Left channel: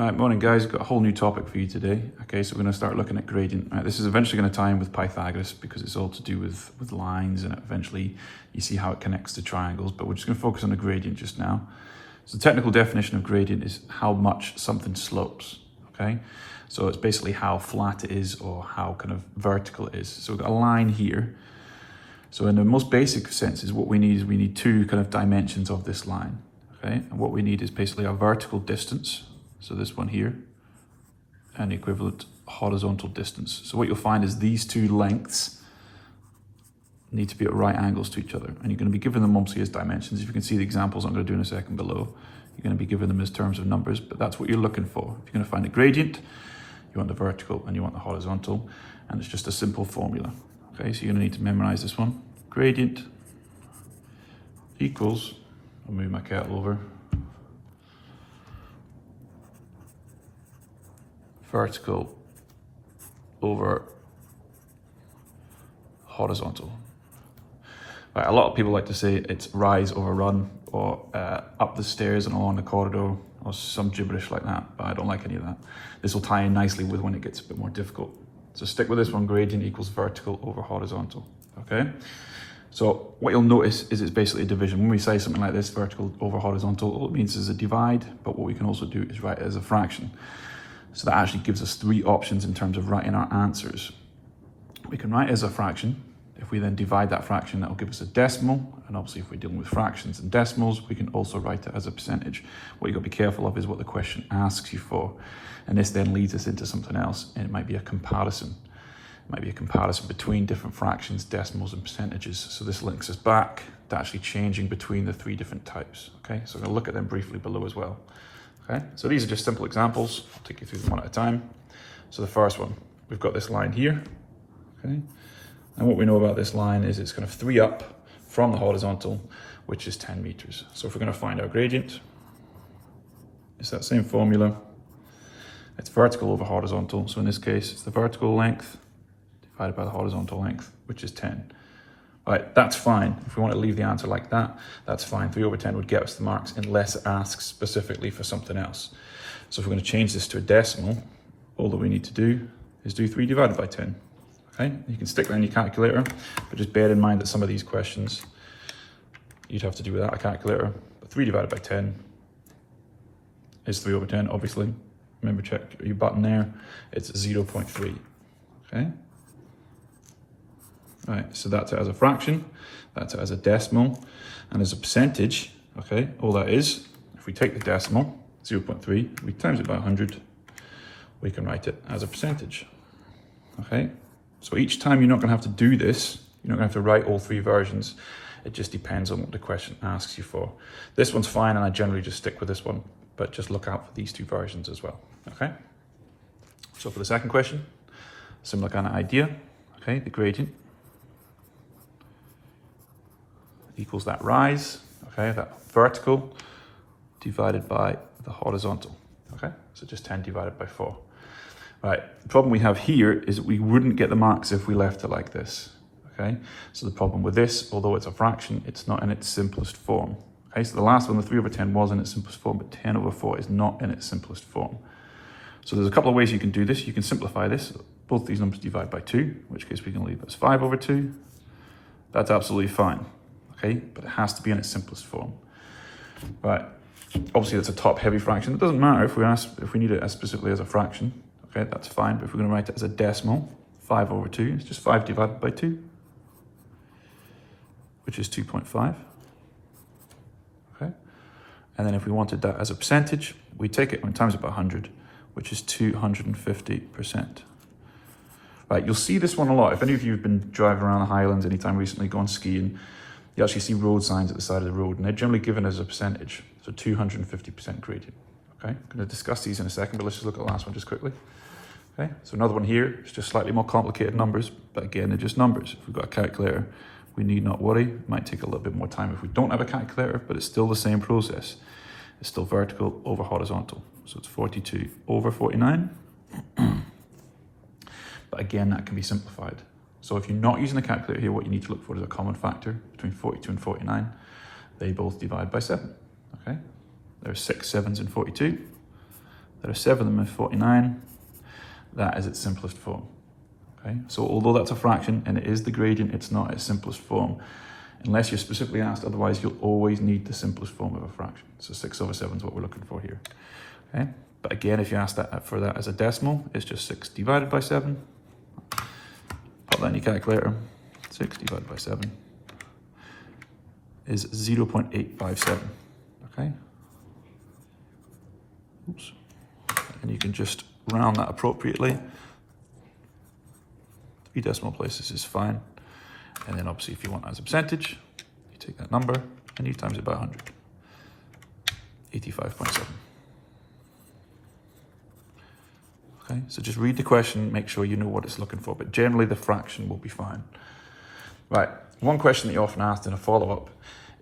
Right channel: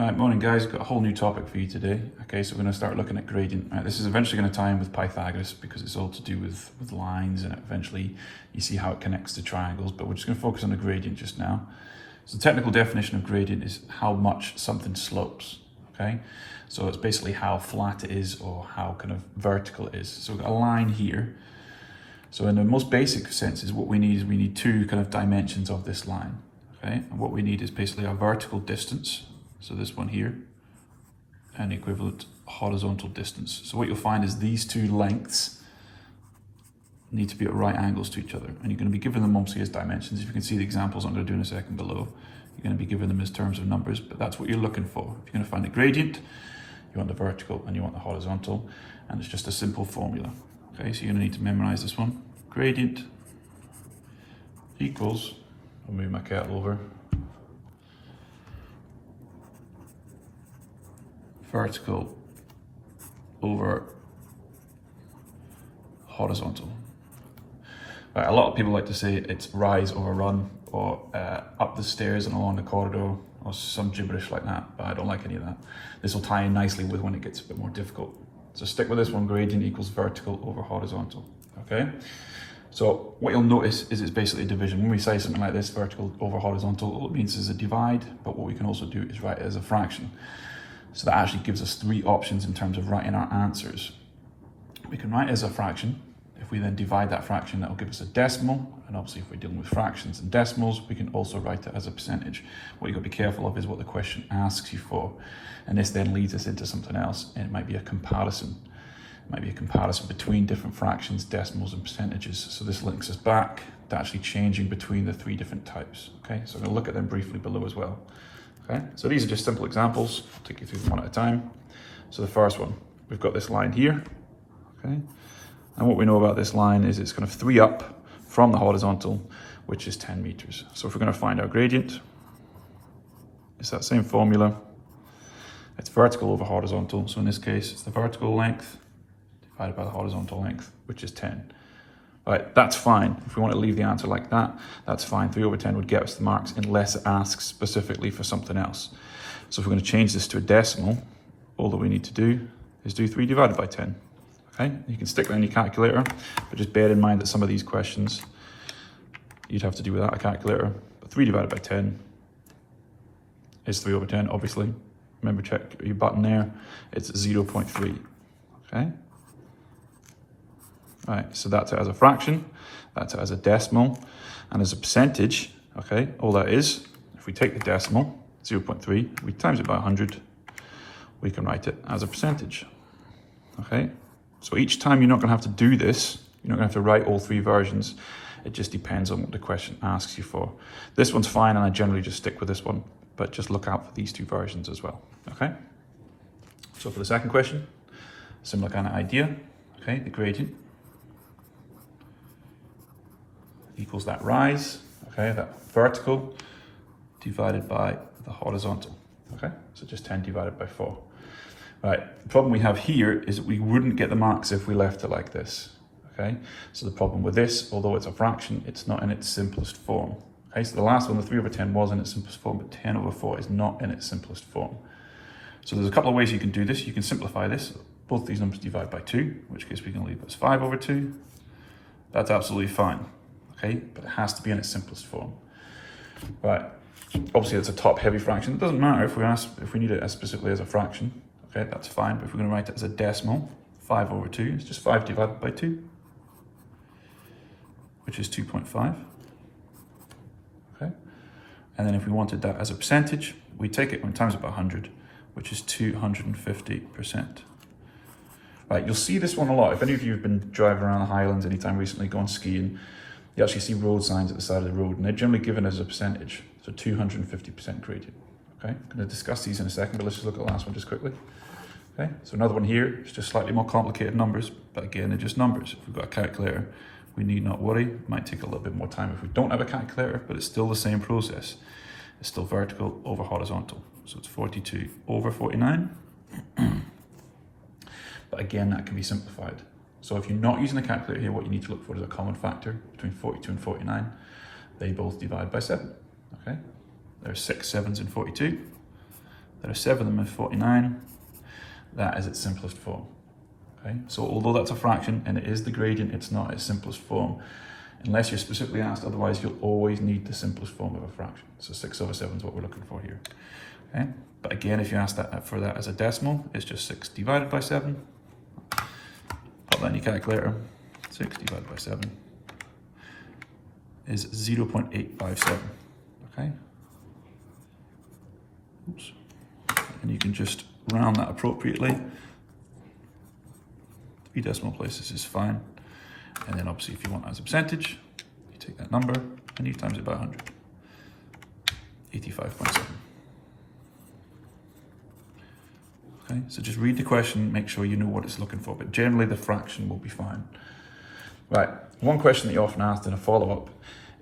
Right, morning guys, got a whole new topic for you today. Okay, so we're going to start looking at gradient. Right, this is eventually going to tie in with Pythagoras because it's all to do with lines, and eventually you see how it connects to triangles, but we're just going to focus on the gradient just now. So the technical definition of gradient is how much something slopes, okay? So it's basically how flat it is or how kind of vertical it is. So we've got a line here. So in the most basic senses, what we need two kind of dimensions of this line, okay? And what we need is basically a vertical distance. So this one here, and the equivalent horizontal distance. So what you'll find is these two lengths need to be at right angles to each other. And you're going to be given them obviously as dimensions. If you can see the examples I'm going to do in a second below, you're going to be given them as terms of numbers, but that's what you're looking for. If you're going to find a gradient, you want the vertical and you want the horizontal, and it's just a simple formula. Okay, so you're going to need to memorize this one. Gradient equals, I'll move my kettle over, vertical over horizontal. Right, a lot of people like to say it's rise over run, or up the stairs and along the corridor, or some gibberish like that, but I don't like any of that. This will tie in nicely with when it gets a bit more difficult. So stick with this one, gradient equals vertical over horizontal, okay? So what you'll notice is it's basically a division. When we say something like this, vertical over horizontal, all it means is a divide, but what we can also do is write it as a fraction. So that actually gives us three options in terms of writing our answers. We can write it as a fraction. If we then divide that fraction, that will give us a decimal. And obviously if we're dealing with fractions and decimals, we can also write it as a percentage. What you've got to be careful of is what the question asks you for. And this then leads us into something else, and it might be a comparison. It might be a comparison between different fractions, decimals, and percentages. So this links us back to actually changing between the three different types. Okay, so I'm going to look at them briefly below as well. Okay, so these are just simple examples. I'll take you through them one at a time. So the first one, we've got this line here, okay? And what we know about this line is it's kind of 3 up from the horizontal, which is 10 meters. So if we're going to find our gradient, it's that same formula. It's vertical over horizontal. So in this case, it's the vertical length divided by the horizontal length, which is 10. Right, that's fine. If we want to leave the answer like that, that's fine. 3 over 10 would get us the marks unless it asks specifically for something else. So if we're going to change this to a decimal, all that we need to do is do 3 divided by 10. Okay, you can stick that in your calculator, but just bear in mind that some of these questions you'd have to do without a calculator. But 3 divided by 10 is 3 over 10, obviously. Remember, check your button there. It's 0.3. Okay. Right, so that's it as a fraction, that's it as a decimal, and as a percentage, okay, all that is, if we take the decimal, 0.3, we times it by 100, we can write it as a percentage, okay? So each time you're not gonna have to do this, you're not gonna have to write all 3 versions, it just depends on what the question asks you for. This one's fine, and I generally just stick with this one, but just look out for these 2 versions as well, okay? So for the second question, similar kind of idea, okay, the gradient equals that rise, okay, that vertical divided by the horizontal, okay? So just 10 divided by 4. Right, the problem we have here is that we wouldn't get the marks if we left it like this, okay? So the problem with this, although it's a fraction, it's not in its simplest form, okay? So the last one, the 3 over 10 was in its simplest form, but 10 over 4 is not in its simplest form. So there's a couple of ways you can do this. You can simplify this. Both these numbers divide by 2, in which case we can leave as 5 over 2. That's absolutely fine. Okay, but it has to be in its simplest form. Right, obviously it's a top heavy fraction. It doesn't matter if we need it as specifically as a fraction. Okay, that's fine, but if we're going to write it as a decimal, 5 over 2, it's just 5 divided by 2, which is 2.5. Okay, and then if we wanted that as a percentage, we take it and times it by 100, which is 250%. Right, you'll see this one a lot. If any of you have been driving around the Highlands anytime recently, gone skiing, you actually see road signs at the side of the road, and they're generally given as a percentage, so 250% gradient. Okay, I'm going to discuss these in a second, but let's just look at the last one just quickly. Okay, so another one here is just slightly more complicated numbers, but again, they're just numbers. If we've got a calculator, we need not worry. It might take a little bit more time if we don't have a calculator, but it's still the same process. It's still vertical over horizontal. So it's 42 over 49. But again, that can be simplified. So if you're not using a calculator here, what you need to look for is a common factor between 42 and 49. They both divide by 7, okay? There's 6 7s in 42. There are 7 of them in 49. That is its simplest form. Okay, so although that's a fraction and it is the gradient, it's not its simplest form. Unless you're specifically asked otherwise, you'll always need the simplest form of a fraction. So 6/7 is what we're looking for here. Okay, but again, if you ask that for that as a decimal, it's just 6 divided by 7. Put that in your calculator. 6 divided by 7 is 0.857. Okay. Oops. And you can just round that appropriately. 3 decimal places is fine. And then obviously if you want it as a percentage, you take that number and you times it by 100. 85.7. Okay, so just read the question, make sure you know what it's looking for, but generally the fraction will be fine. Right, one question that you often asked in a follow-up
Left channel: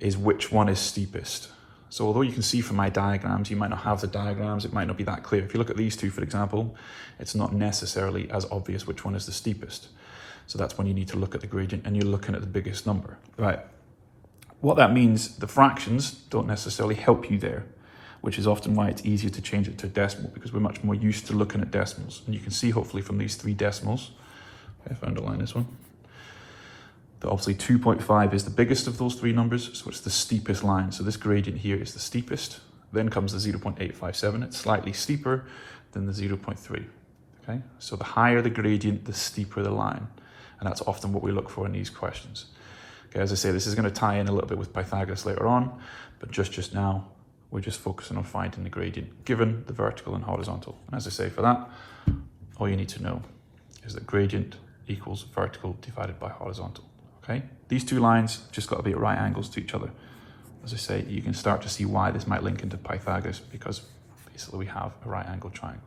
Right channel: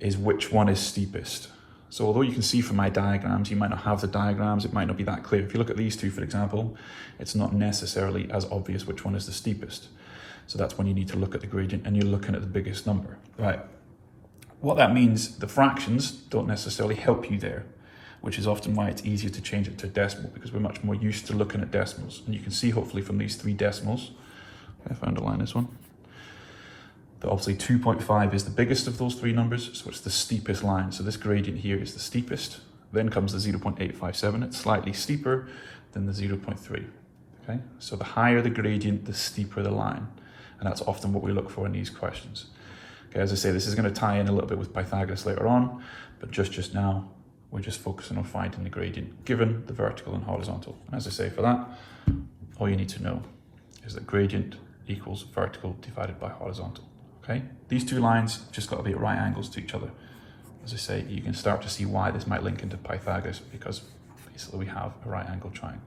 is which one is steepest? So although you can see from my diagrams, you might not have the diagrams, it might not be that clear. If you look at these two, for example, it's not necessarily as obvious which one is the steepest. So that's when you need to look at the gradient and you're looking at the biggest number. Right. What that means, the fractions don't necessarily help you there, which is often why it's easier to change it to a decimal, because we're much more used to looking at decimals. And you can see hopefully from these 3 decimals, if I underline this one, that obviously 2.5 is the biggest of those 3 numbers, so it's the steepest line. So this gradient here is the steepest. Then comes the 0.857, it's slightly steeper than the 0.3. Okay, so the higher the gradient, the steeper the line. And that's often what we look for in these questions. Okay, as I say, this is going to tie in a little bit with Pythagoras later on, but just now, we're just focusing on finding the gradient given the vertical and horizontal. And as I say, for that, all you need to know is that gradient equals vertical divided by horizontal. Okay, these 2 lines just got to be at right angles to each other. As I say, you can start to see why this might link into Pythagoras, because basically we have a right angle triangle.